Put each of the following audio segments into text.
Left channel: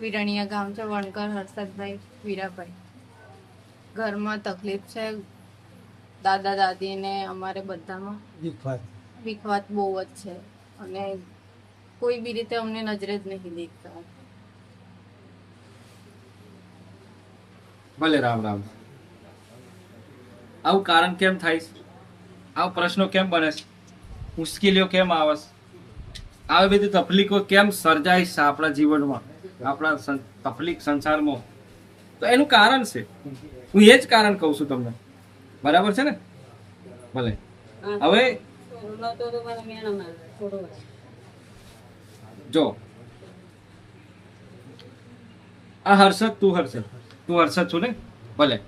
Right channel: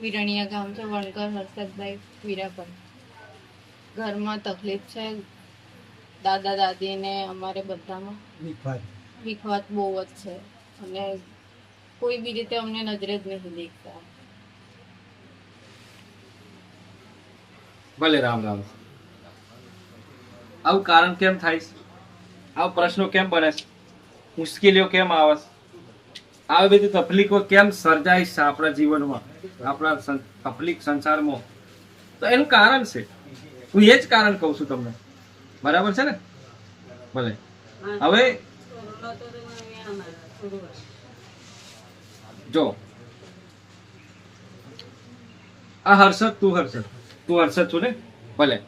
વિરણિયા ગામ છે વણકર હર્ષદભાઈ વીરાભાઈ. ઘરમાં તકલીફ છે દાદા દાદીને અમારે બધામાં વિખવાત બહુ જ છે. અને કોઈ બી રીતે અમને નજરે જ નહીં દેખતા. ભલે રામ રામ. આવું કારણ કેમ થાય છે? આવા પ્રશ્નો કેમ બને છે? મુશ્કેલીઓ કેમ આવે છે? આવી બધી તકલીફો કેમ સર્જાય છે આપણા જીવનમાં? આપણા તકલીફ સંસારમાં. તો એનું કારણ છે. હું એ જ કારણ કહું છું તમને. બરાબર છે ને? ભલે. હવે જો. આ હર્ષદ તું હર્ષદ. તું હર્ષદ છું ને? ભલે.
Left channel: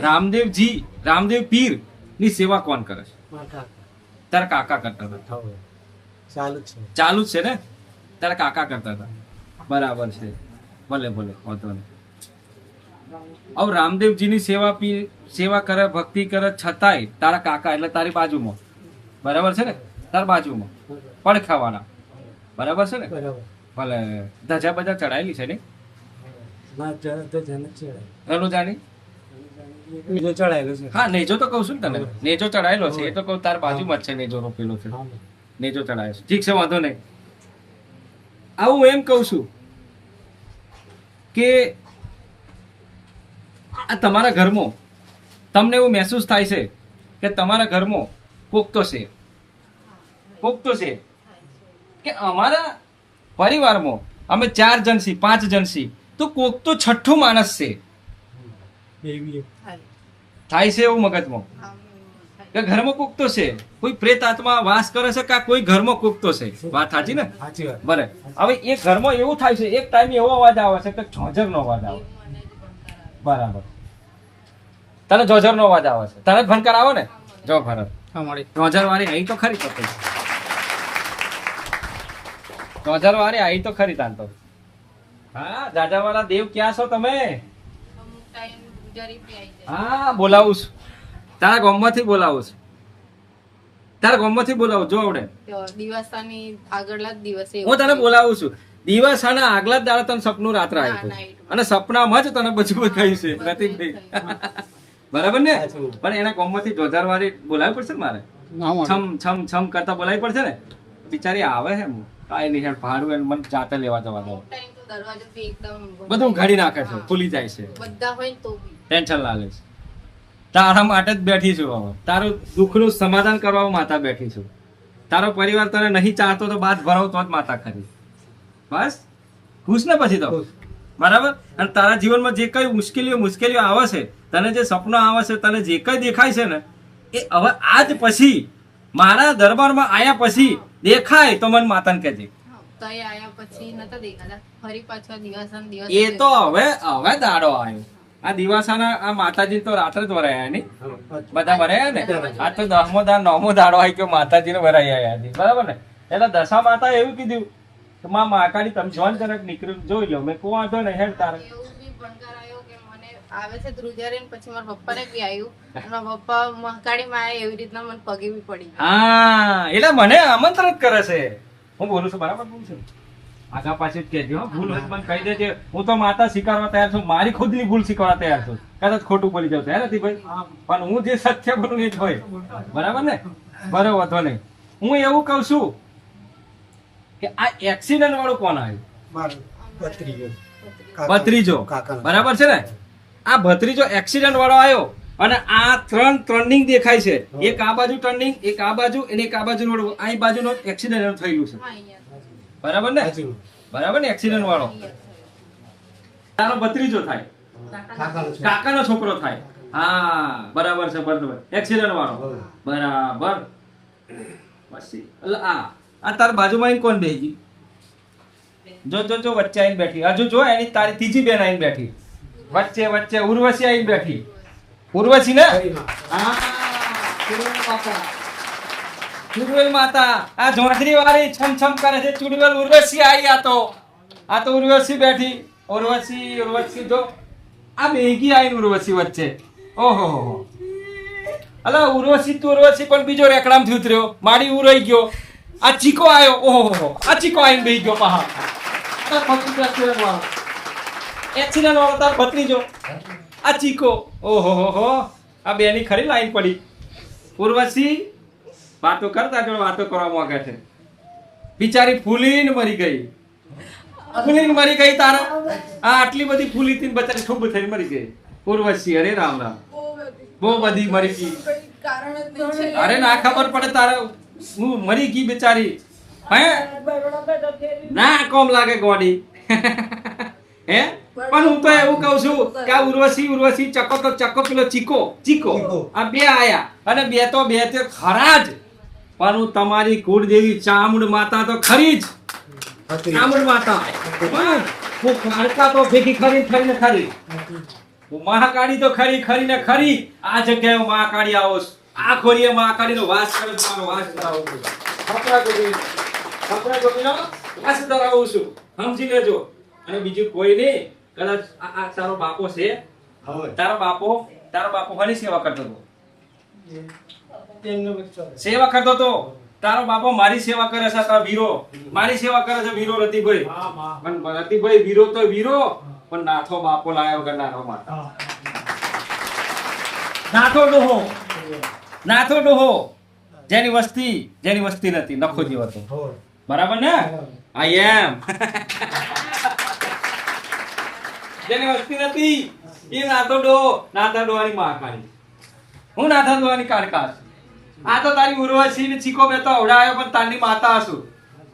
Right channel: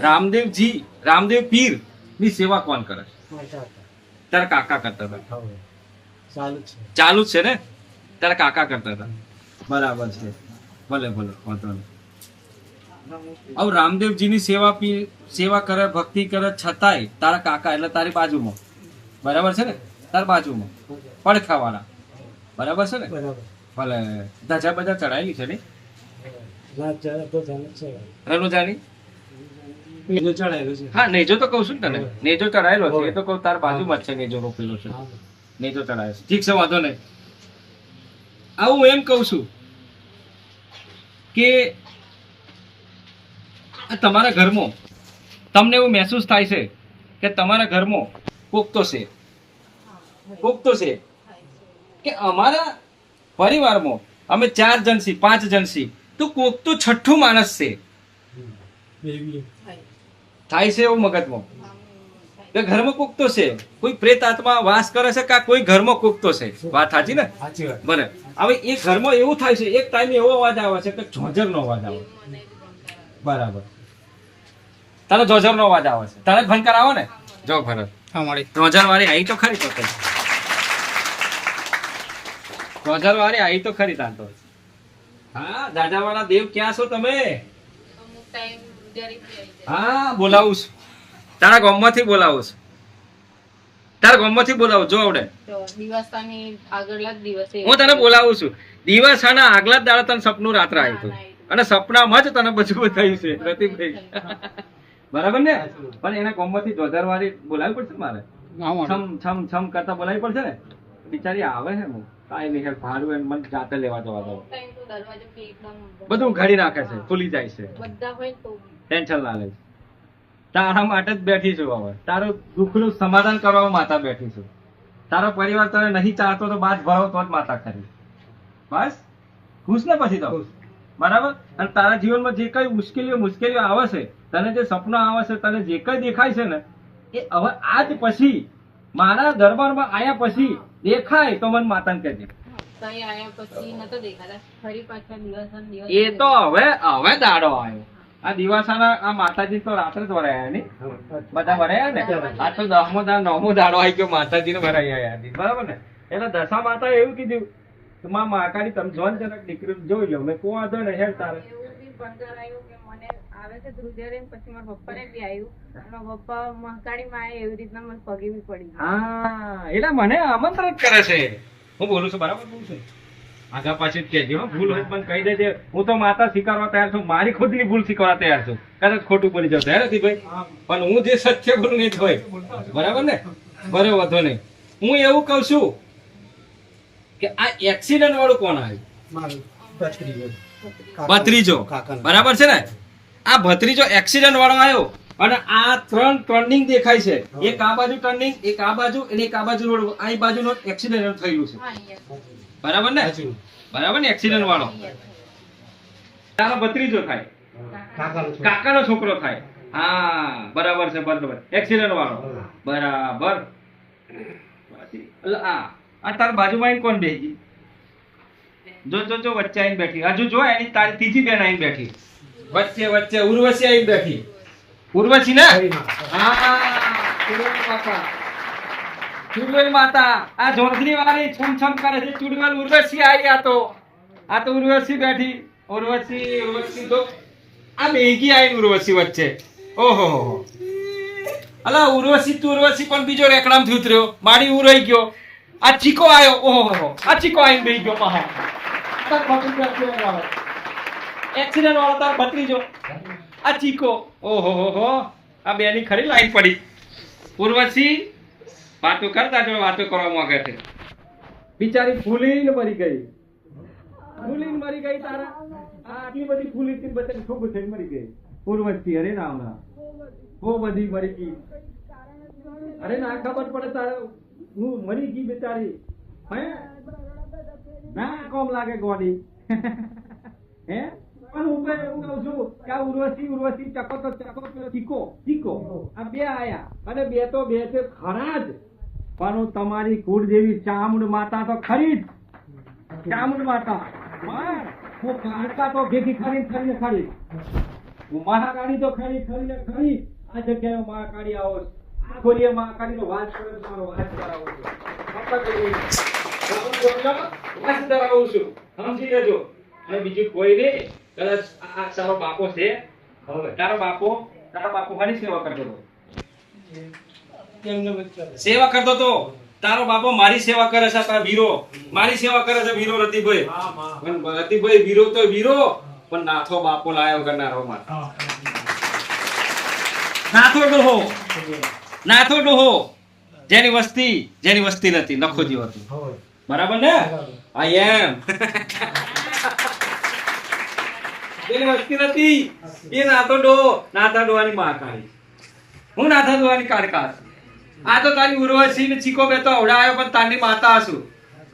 રામદેવજી રામદેવ પીરની સેવા કોણ કરે છે? તારા કાકા કરતા હતા. ચાલુ છે ને? તારા કાકા કરતા હતા. બરાબર છે. ભલે ભલે વાંધો નહીં. હવે રામદેવજીની સેવા પી સેવા કરે ભક્તિ કરે છતાંય તારા કાકા એટલે તારી બાજુમાં. બરાબર છે ને? તારી બાજુમાં. પડખાવાળા બરાબર છે ને? ભલે ધજા બધા ચડાયેલી છે ને? એનું જાણી? બીજું ચડાયેલું છે. હા નેજો તો કહું છું ને તને. નેજો ચડાયેલો છે. એ તો કહું તાર બાજુમાં જ છે નેજો રોપેલો છે. નેજો ચડાયો છે. ઠીક છે વાંધો નહીં. આવું હું એમ કહું છું કે આ તમારા ઘરમાં તમને એવું મહેસૂસ થાય છે કે તમારા ઘરમાં કોક તો છે. કોક તો છે. કે અમારા પરિવારમાં અમે ચાર જણ છીએ પાંચ જણ છીએ તો કોક તો છઠ્ઠું માણસ છે. થાય. થાય છે એવું મગજમાં. કે ઘરમાં કોક તો છે? કોઈ પ્રેત આત્મા વાસ કરે છે કે કોઈ ઘરમાં કુકતો છે? વાત સાચી ને? સાચી બને હવે એ ઘરમાં એવું થાય છે એક ટાઈમે એવો અવાજ આવે છે કે ઝોઝરનો અવાજ આવે. બરાબર. તને ઝોઝરનો અવાજ આવે છે. તને જ ભણકાર ને? જો ભરત ઝોઝર વાળી આવી તો ખરી તો કઈ. વાળી આવી તો ખરી તાન તો. હા દાદા વાળા દેવ ક્યાં છો તમે? આવે. અમુક ટાઈમ જરી પી આવી જાય. હા બોલાવું છું. તારા ગામમાંથી બોલાવું છે. તારા ગામમાંથી બોલાવું જો આવડે. તો દિવસાની દિવસે. હું તને બોલાવું છું. દિવાસાના આગલા જ દાડા તને સપનું રાત્રે આવ્યું. અને સપનામાં જ તને બધું થયું છે. થયું. બરાબર ને? પણ એના ગામમાંથી જોધાર વાળી બોલાવી પડશે ને મારે? છમ છમ છમ કરતા બોલાવી પડશે ને? બિચારી આવે છે હું કાંઈ નહીં હેડ ભાડું એને મને જાતે લેવા જવા દો. બધું ઘડી નાખે છે ખુલી જાય છે. બધા હોય તો ટેન્શન ના લે છે તારા માટે જ બેઠી છું હવે. તારું દુઃખનું સમાધાન કરવા માતા બેઠી છું. તારો પરિવાર તને નહીં ચાહતો તો બાદ ભરાવ તો જ માતા ખરી. બસ? ખુશ ને પછી તો? ખુશ. બરાબર? અને તારા જીવનમાં જે કઈ મુશ્કેલીઓ મુશ્કેલીઓ આવે છે તને જે સપનો આવે છે તને જે કઈ દેખાય છે ને એ હવે આજ પછી મારા દરબારમાં આયા પછી દેખાય તો મને માતાને કહેજે. હા, તઈ આયા પછી નતો દેખાતા. ફરી પાછા દિવસ દિવસ એ તો હવે હવે દાડો આવ્યો. આ દિવાસાના આ માતાજી તો રાત્રે જ ભરાયા નહીં? બધા ભરાયા ને? આ તો દસમો દાન નવમો દાડો આવી ગયો માતાજીને ભરાઈ આવ્યા. બરાબર ને? એટલે દશા માતા એવું કીધું કે માં માકાડી તમે જોન જરાક નીકળી જોઈ લો મેં કોઈ વાંધો નહીં હેડ તારે. એવું બી ભણતર આવ્યો કે મને આવે છે ધ્રુજારીને પછી મારા પપ્પાને બી આવ્યું મારા પપ્પા મહાકાળી માં એવી રીતના મને પગે બી પડી હા એટલે મને આમંત્રણ કરે છે. હું બોલું છું બરાબર બોલું છું? આગા પાછી જ કહેજે ભૂલ હોય પણ કહી દેજે. હું તો માતા સ્વીકારવા તૈયાર છું મારી ખુદની ભૂલ સ્વીકારવા તૈયાર છું. કદાચ ખોટું બોલી જાવ તૈયાર ભાઈ. પણ હું જે સત્ય બોલું એ જ હોય. બરાબર ને? બરાબર વધો નહીં. હું એવું કહું છું કે આ એક્સિડન્ટ વાળું કોણ આવ્યું? ભત્રીજો. ભત્રીજો. બરાબર છે ને? આ ભત્રીજો એક્સિડન્ટ વાળો આવ્યો અને આ ત્રણ ટર્નિંગ દેખાય છે. એક આ બાજુ ટર્નિંગ એક આ બાજુ અને એક આ બાજુ રોડ. આ બાજુનો એક્સિડન્ટ થયેલું છે. હા અહીંયા. બરાબર ને? બરાબર ને એક્સિડન્ટ વાળો? તારો ભત્રીજો થાય. કાકાનો છોકરો. થાય. હા બરાબર છે બરાબર. એક્સિડન્ટ વાળો. બરાબર. આ આ તારા બાજુમાં કોણ બેસી? જો જો જો વચ્ચે આવીને બેઠી. હજુ જો એની તારી ત્રીજી બેન આવીને બેઠી. વચ્ચે વચ્ચે ઉર્વશી આવીને બેઠી. ઉર્વશી ને? હા. ચુડવેલ માતા, આ ઝોંખરી વાળી છમ છમ કરે છે. ચુડવેલ ઉર્વશી આવી આ તો. આ તો ઉર્વશી બેઠી. ઉર્વશી ઉર્વશી તો આ મેગી આવીને ઉર્વશી વચ્ચે. ઓહો, હો. અલા, ઉર્વશી તું ઉર્વશી, પણ બીજો રેકડામ થયું ઉતર્યો માડી ઉરાઈ ગયો. આ ચીકો આવ્યો ઓહો, હો. આ ચીકો આવીને બેહી ગયો મહા. એક્સિડન્ટ વાળો. તાર ભત્રીજો આ ચીકો. ઓહો હો. આ બેની ખરી લાઈન પડી. ઉર્વશી વાતો કરતા જો વાતો કરવા માંગે છે. બિચારી ફૂલીને મરી ગઈ. ફૂલીને મરી ગઈ તારા? આ આટલી બધી ફૂલી હતી બચારી ખૂબ થઈને મરી ગઈ. ઉર્વશી અરે રામ રામ. બહુ બધી મરી ગઈ. અરે ના ખબર પડે તારે. હું મરી ગઈ બિચારી. હે? ના કોમ લાગે ગોડી. હે? પણ હું તો એવું કહું છું કે આ ઉર્વશી ઉર્વશી ચકો તો ચકો પેલો ચીકો ચીકો. ચીકો. આ બે આયા. અને બે તો બે તે ખરા જ. પણ હું તમારી કુળદેવી ચામુંડ માતા તો ખરી જ. ચામુંડ માતા. હું. કાળકા તો ભેગી ખરી ખરી ને ખરી. હું મહાકાળી તો ખરી ખરી ને ખરી. આ જગ્યાએ હું મહાકાળી આવો છું. આ ખોરીએ મહાકાળી નો વાસ કરે મારો વાસ કરાવું વાસ ધરાવું છું. સમજી લેજો. અને બીજું કોઈ નહીં. કદાચ આ તારો બાપો છે. હવે. તારો બાપો તારો બાપો કોની સેવા કરતો હતો. સેવા કરતો તો? તારો બાપો મારી સેવા કરે છે તારો વીરો. મારી સેવા કરે છે વીરો રતિભાઈ. પણ રતિભાઈ વીરો તો વીરો પણ નાથો બાપો લાયો કરનારો માતા નાથો ડોહો નાથો ડોહો જેની વસ્તી જેની વસ્તી નથી. નખો જીવ હતો બરાબર ને? આઈ એમ જેની વસ્તી નથી એ નાથો ડો નાથા ડોવાની માં કાઢી હું નાથા ડોવાની કાઢકા છું. આ તો તારી ઉર્વશી ને ચીકો મેં તો અવડાયો પણ તારી માતા હશું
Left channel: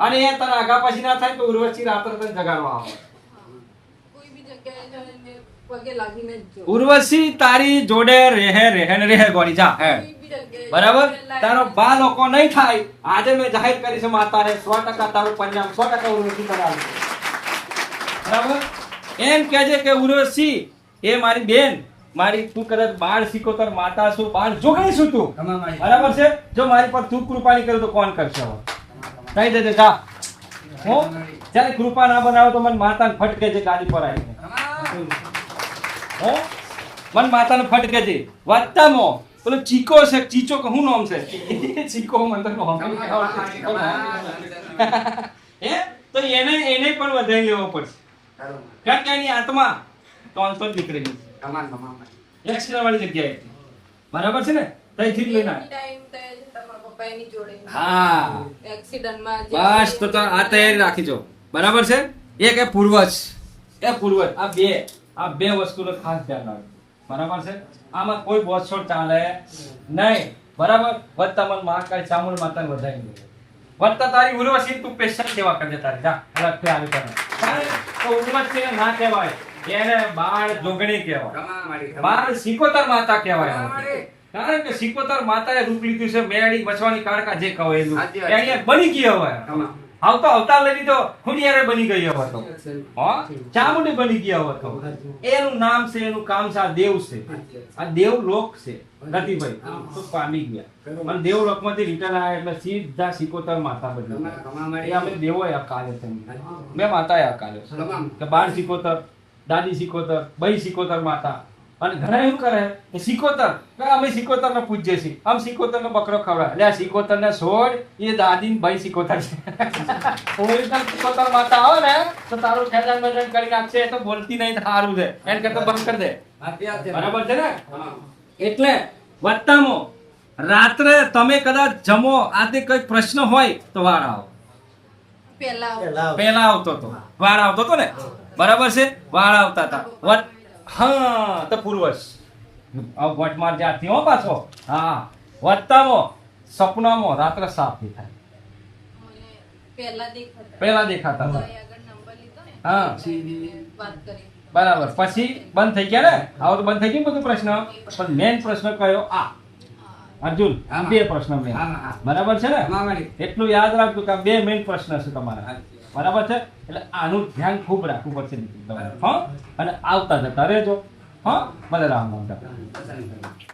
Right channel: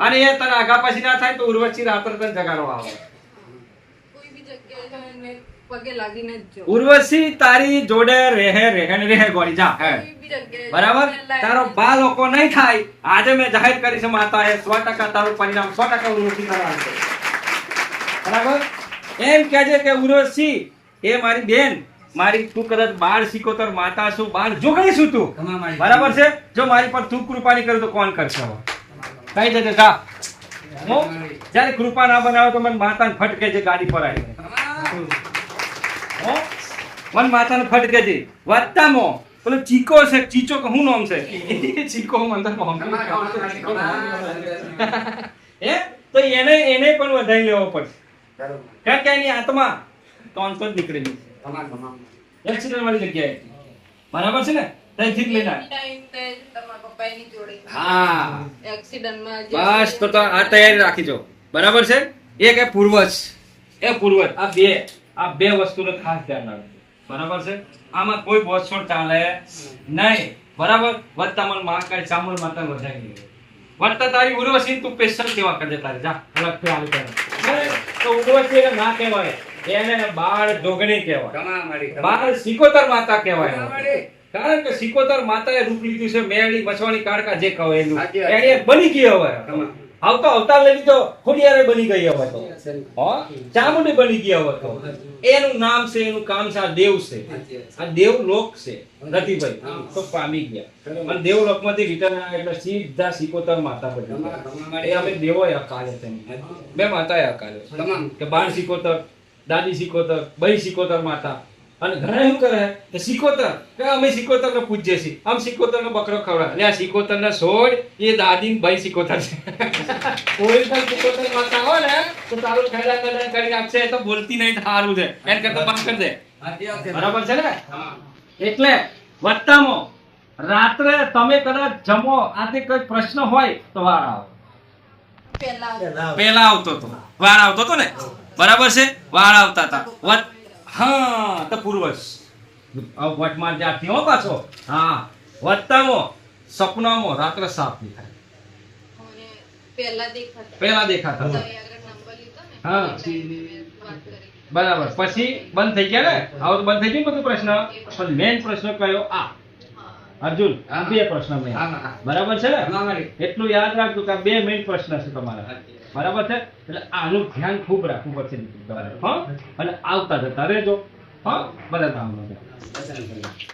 અને એ તને આગા પછી ના થાય તો ઉર્વશી રાત્રે તને જગાડો આવે. કોઈ બી જગ્યાએ જઈને પગે લાગીને જ જો. ઉર્વશી તારી જોડે રહે રહે ને રહે ગોળી જા. હે. બરાબર? તારો બા લોકો નહીં થાય. આજે મેં જાહેર કરી છે માતા હે સો ટકા તારું પરિણામ સો ટકા ઉર્વશી તારા આવશે બરાબર? એમ કહેજે કે ઉર્વશી એ મારી બેન. મારી તું કદાચ બાળ શીખોતર માતા છું જો જોગણી છું તું. બરાબર છે? જો મારી પર તું કૃપાની કરે તો કોણ કરશે હવે? કહી દેજે જા. હું? જ્યારે કૃપા ના બનાવે તો મને માતાને ફટકે છે ગાડી પર આવીને. હો? મન માતાને ફટકે છે વાત્તામો પેલો ચીકો છે ચીચો કે હું નામ છે? ચીકો મને તો હે? તો એને એને પણ વધારી લેવો પડશે. કારણ કે એની આત્મા ત્રણસો જ નીકળેલી છે. એક્સિડન્ટ વાળી જગ્યાએ. બરાબર છે ને? ત્યાંથી જ લઈને ટાઈમ તે તમારા પપ્પા જોડે. હા. એક્સિડન્ટમાં બસ તો આ તૈયારી રાખીજો બરાબર છે? એક એ પૂર્વજ. એ પૂર્વજ. આ બે. આ બે વસ્તુનો ખાસ ધ્યાન રાખજો. બરાબર છે? આમાં કોઈ બોછોડ ચાલે નહીં. બરાબર? વર્તમાન મન મહાકાળી ચામુંડ માતા વધારી દે. વર્તા તારી ઉર્વશી તું પેશન્ટ કેવા કરજે તારી? જા અલગથી આવી તો ઉર્વશી ના કહેવાય. એને બાળ જોગણી કહેવાય. બાળ સિકોતર માતા કહેવાય કારણ કે સિકોતર માતાએ રૂપ લીધું છે મેળી બચવાની કાળકા જે કહેવાય સાચી એનું એની બની ગઈ હવે. આવતો અવતાર લઈ લીધો ખુડિયારે બની ગઈ હવે તો. ચામુંડી બની ગઈ હવે તો. એનું નામ છે એનું કામ છે આ દેવ છે. આ દેવલોક છે રતિભાઈ. તો પામી ગયા. અને દેવલોકમાંથી રિટર્ન આવ્યા એટલે સીધા સિકોતર માતા બની એ અમે દેવો કાલે તેની મેં માતાએ અકાલ્યો કે બાર સિકોતર દાદી સિકોતર બઈ સિકોતર માતા. અને ઘણા શું કરે કે સિકોતર કે અમે સિકોતર ને પૂજ્ય છીએ. આમ સિકોતર નો બકરો ખવડાવે. એટલે આ સિકોતર ને છોડ એ દાદી ભાઈ બઈ સિકોતર છે. ઓરિજિનલ સિકોતર માતા આવે ને તો તારું ખેડાણ મેદાન કરીને આપશે તો બોલતી નહીં સારું છે. એમ કે તો બંધ કરી દે. બરાબર છે ને? એટલે વત્તામાં રાત્રે તમે કદાચ જમો આજે કોઈ પ્રશ્ન હોય તો વાર આવો. પહેલા આવતો. હતો વાળ આવતો હતો ને? બરાબર છે? વાળ આવતા હતા. વટ હા તો પૂર્વજ વટમાર વટમાં હો પાછો. હા. વત્તામાં સપનામાં રાત્રે સાફ દેખાય. મને પહેલા દેખાતા. હા. બરાબર. પછી બંધ થઈ ગયા ને? આવો તો બંધ થઈ ગયું બધું પ્રશ્ન? પણ મેન પ્રશ્ન કયો? આ. અર્જુન બે પ્રશ્ન મેં. બરાબર છે ને? એટલું યાદ રાખજો કે બે મેઇન પ્રશ્ન છે તમારા. બરાબર છે? એટલે આનું ધ્યાન ખૂબ રાખવું પડશે તમારે. હા? અને આવતા જતા રહેજો. હા? ભલે આવતા.